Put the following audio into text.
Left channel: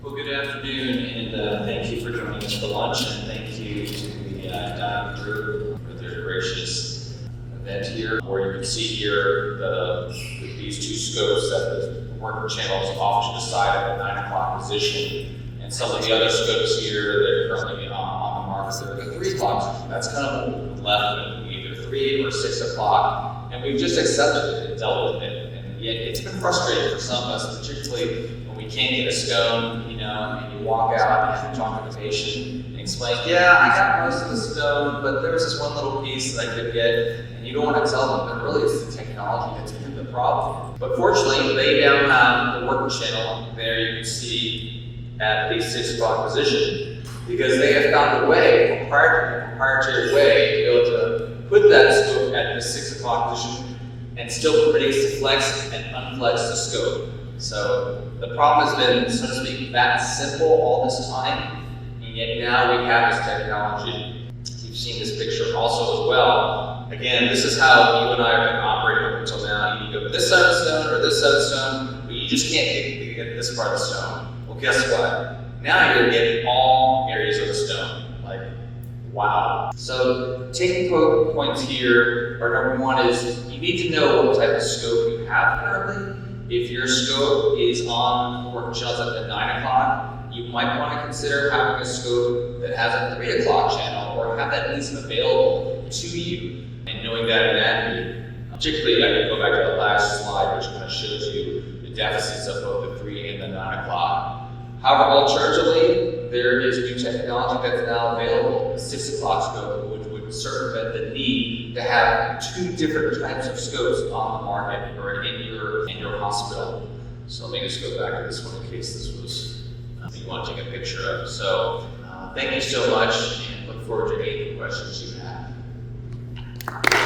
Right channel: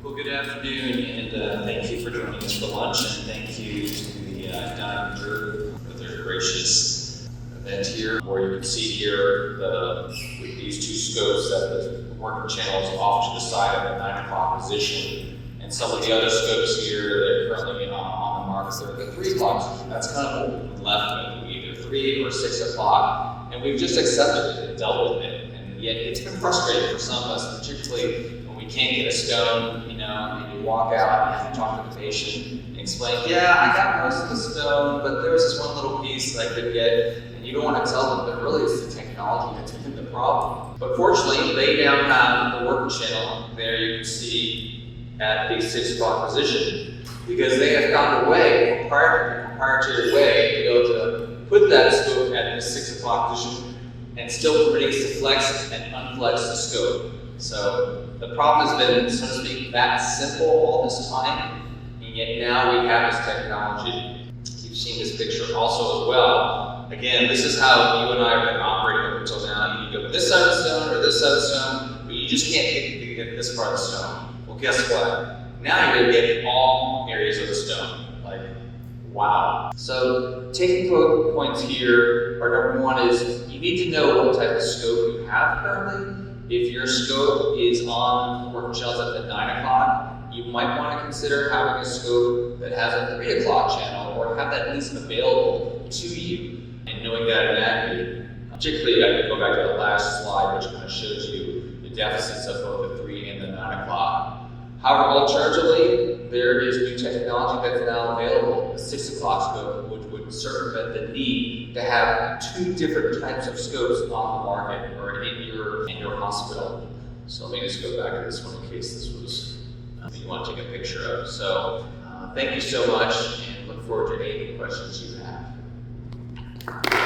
Well, good afternoon, and thank you for joining us for lunch, and thank you to the Dyne group for their gracious event here. Where you can see here these two scopes that the worker channel is off to the side of the 9 o'clock position, and some of the other scopes here that are currently on the market that are the 3 o'clock position. That's kind of what we're left with, either 3 or 6 o'clock, and we've just accepted it and dealt with it. And yet it's been frustrating for some of us, particularly when we can't get a stone, and you walk out and you talk to the patient and explain, yeah, I got most of the stone, but there was this one little piece that I could get, and you don't want to tell them, but really it's the technology that's been the problem. But fortunately, they now have the worker channel there you can see at the 6 o'clock position, because they have found a way, a proprietary way, to be able to put that scope at the 6 o'clock position and still permit us to flex and unflex the scope. So the problem has been, so to speak, that simple all this time, and yet now we have this technology. You've seen this picture also as well. Again, this is how you and I have been operating up until now. You go with this side of the stone or this side of the stone, but you just can't get this part of the stone. Well, guess what? Now you're going to get all areas of the stone. Like, wow. So taking points here are, number one is you need to know what type of scope you have currently. If your scope is on work channels at the 9 o'clock, you might want to consider having a scope that has a 3 o'clock channel, or have that at least available to you, and knowing that in accuracy. Particularly, I can go back to the last slide, which kind of shows you the deficits of both the 3 and the 9 o'clock. However, alternatively, there is new technology that's now available, the 6 o'clock scope, which would circumvent the need to have 2 different types of scopes on the market or in your hospital. So let me just go back to this one in case this was you want to take a picture of. So thank you so much, and look forward to any questions you have.